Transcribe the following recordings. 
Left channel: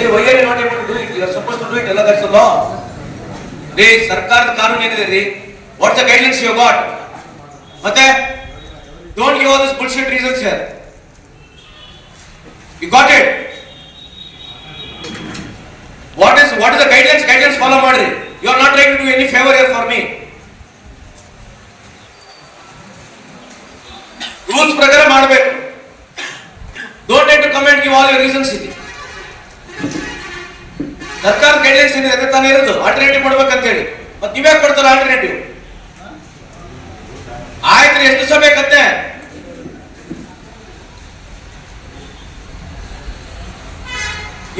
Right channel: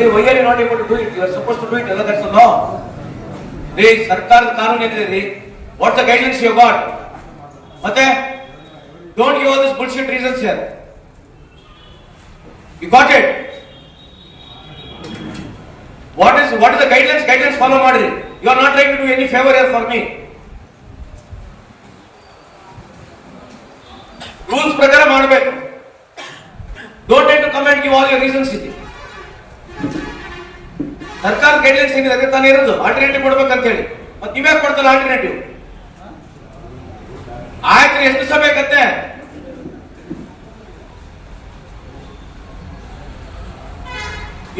Hey, why are you not able to do it? You are supposed to do it, Allah, that's the law. ರೀ ಸರ್ಕಾರದ ಕಾನೂನು ಏನಿದೆ ರೀ what the guidelines you got ಮತ್ತೆ don't give all this bullshit reasons here you got it what is what is the guidelines guidelines follow ಮಾಡ್ರಿ you are not trying to do any favour here for me rules ಪ್ರಕಾರ ಮಾಡಬೇಕು don't try to comment give all your reasons ಇದೆ ಸರ್ಕಾರ guidelines ಏನಿದೆ ತಾನೇ ಇರೋದು. Alternative ಕೊಡ್ಬೇಕಂತ ಹೇಳಿ ಮತ್ತೆ ನೀವೇ ಕೊಡ್ತಾರ ಆಲ್ಟರ್ನೇಟಿವ್ ಆಯ್ತು ಎಷ್ಟು ದಿವಸ ಬೇಕತ್ತೆ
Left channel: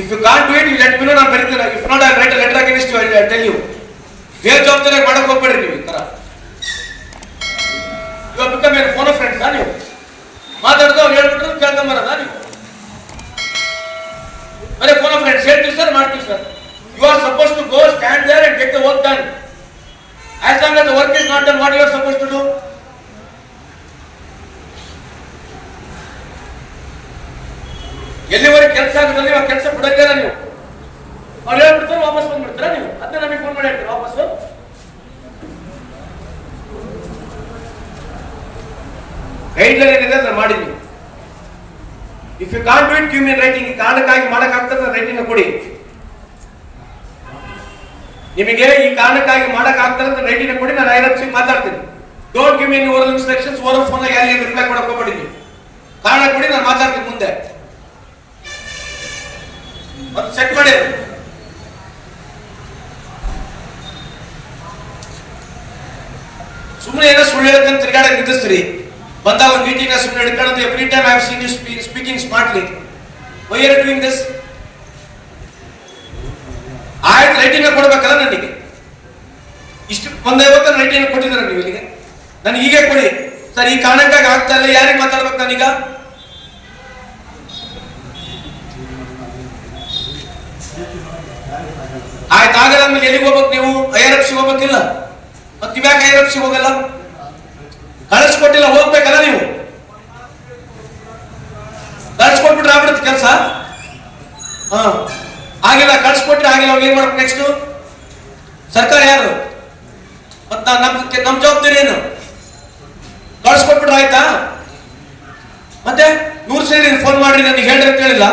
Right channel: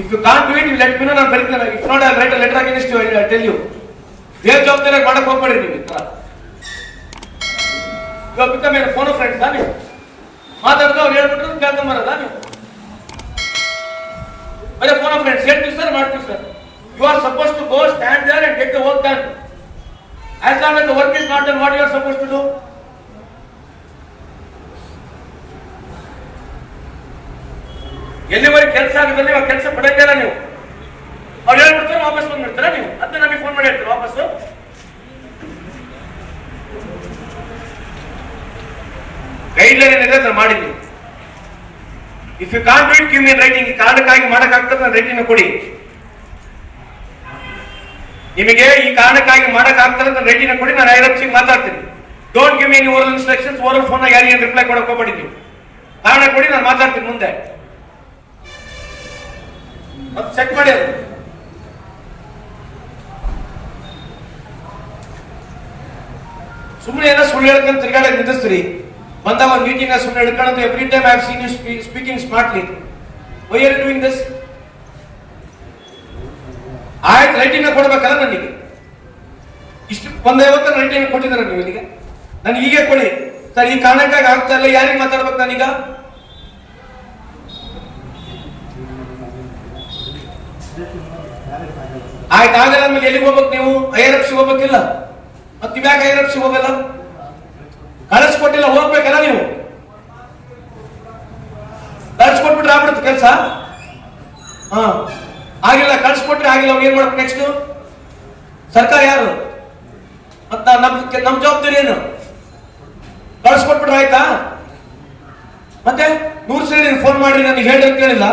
if you can't do it you let me know ನಾನು ಬರೀತೀನಿ. If not I write letter against you I tell you ಬೇರೆ ಜವಾಬ್ದಾರಿ ಮಾಡಕ್ ಹೋಗ್ಬೇಡಿ ನೀವು ಈ ತರ? ಇವಾಗ ಬಿಕಮ್ ಏನು ಫೋನ್ ಫ್ರೆಂಡ್ಸಾ ನೀವು? ಮಾತಾಡ್ದವ್ ಹೇಳ್ಬಿಟ್ರೆ ಕೇಳ್ಕೊಂಬರೋದಾ ನೀವು ಬರೀ ಫೋನ್ ಫ್ರೆಂಡ್ಸ್ ಹೇಳ್ತೀವಿ ಸರ್ ಮಾಡ್ತೀವಿ sir. You are suppose to go stand there and get the work done as long as the work is not done what you are suppose to do ಎಲ್ಲಿವರೆಗೆ ಕೆಲಸ ಆಗುದಲ್ಲಿ ಆ ಕೆಲಸ ಬಿಡಂಗಿಲ್ಲ ನೀವು? ಅವ್ರು ಹೇಳ್ಬಿಡ್ತಾರೆ, ವಾಪಸ್ ಬಂದ್ಬಿಡ್ತೀರಾ ನೀವು? ಅದನ್ನ ನಮಗೆ ಫೋನ್ ಮಾಡಿ ಹೇಳ್ತೀರಾ ವಾಪಸ್? ಗೈಡ್ಲೈನ್ ಏನಿದೆ ಅದನ್ನ ಮಾಡಿದ್ವಿ. If you can't do it give me writing ಕಾರಣಕ್ಕಾಗಿ ಮಾಡಕ್ಕಾಗ್ತದೆ ರೈಟಿಂಗ್ ಕೊಡಿ. ನಿಮಗೆ ಈ ಕಾರಣಕ್ಕಾಗಿ ಮಾಡಕ್ಕಾಗ್ತದೆ ರೈಟಿಂಗ್ ಕೊಡಿ, ನಾನು ಐರಪ್ಸಿಗೆ ಮಾತಾಡ್ತೀನಿ. Don't give mean oral instructions oral phone ಯಾರಿಗೆ ರಿಪ್ಲೈ ಕೊಡಕ್ ಹೋಗ್ಬೇಡಿ. ಕಾರಣ ಕೊಡಿ, ನಾನು ಮಾತಾಡ್ತೀನಿ ಮುಂದೆ. ಸೆಟ್ ಮಾಡಿ. ಸುಮ್ಮನೆ ಏನೋ ಸುಳ್ಳು ಹೇಳ್ಕೊಂಡು ತಿರುಗಾಡಕ್ಕೆ ನಿಂದಿಸ್ತೀರಿ ಬಂದಾಗ ಒಂದು ಮೀಟಿಂಗ್ ಸುಮ್ಮನೆ ಹಿಡ್ಕೊಳ್ಳೋದು every time I seen you speaking smartly why are doing this ಆಯ್ತು ರೈಟಿಂಗ್ ಕೊಡ್ಬೇಕಲ್ಲ ನನಗೆ. ಇಷ್ಟು, ಒಂದ್ ಐವತ್ತು ರೈಟಿಂಗ್ ಕೊಟ್ಟಿದ್ದಾರೆ ನೀವು ಇಲ್ಲಿಗೆ. ನನಗೆ ಹೀಗೆ ಕೊಡಿ. ಸರ್, ಈ ಕಾರಣಕ್ಕಾಗಿ ಆಗ್ತಾ ಇಲ್ಲ, ಯಾರಿಗೆ ಮಾತಾಡ್ಬೇಕು ನಾನೀಗ? ಆಯ್ತು ಆಗಲ್ಲ ಆಮೇಲೆ ಎಲ್ಲಿಗೆ ಹೋಗ್ಬೇಕು ನೀವು? ಐ ಆರ್ ಎಫ್ ಸಿ ಹೋಗ್ಬೇಕಿಲ್ಲ? ಮತ್ತೆ ಇವ್ಯಾಕೆ ಐ ಎಫ್ ಸಿ ಹೋಗಲ್ಲ? ಕಳಿಸ್ಕೊಟ್ಟಿಲ್ಲ ಹೋಗ್ಬೇಕಲ್ಲ ನೀವು? ಕಳ್ಸ್ಕೊಟ್ಬಿಟ್ರೆ ಆಗ್ಬಿಡುತ್ತೆ ಕೆಲಸ? ಹಾ. ಆಗಿಲ್ಲ ಕಳ್ಸ್ಕೊಟ್ರೆ ಆಗಿಲ್ಲ, ಅವ್ನು ಏನ್ ಮಾಡ್ಬೇಕು ನೆಕ್ಸ್ಟ್ ಸರ್ಕಾರ ಯಾರು? ಮತ್ತ ನಮ್ ನಮ್ ಜವಾಬ್ದಾರಿ ಏನು? ಕಳ್ಸ್ಕೊಟ್ಬಿಟ್ರೆ ಆಯ್ತಾ? ಮತ್ತೆ ನೂರು ಸೇರಿ ಫೋನ್ ಮಾಡಿ ನನಗೆ ಹೇಳಿ ಅಂತ ಹೇಳಿಲ್ಲ?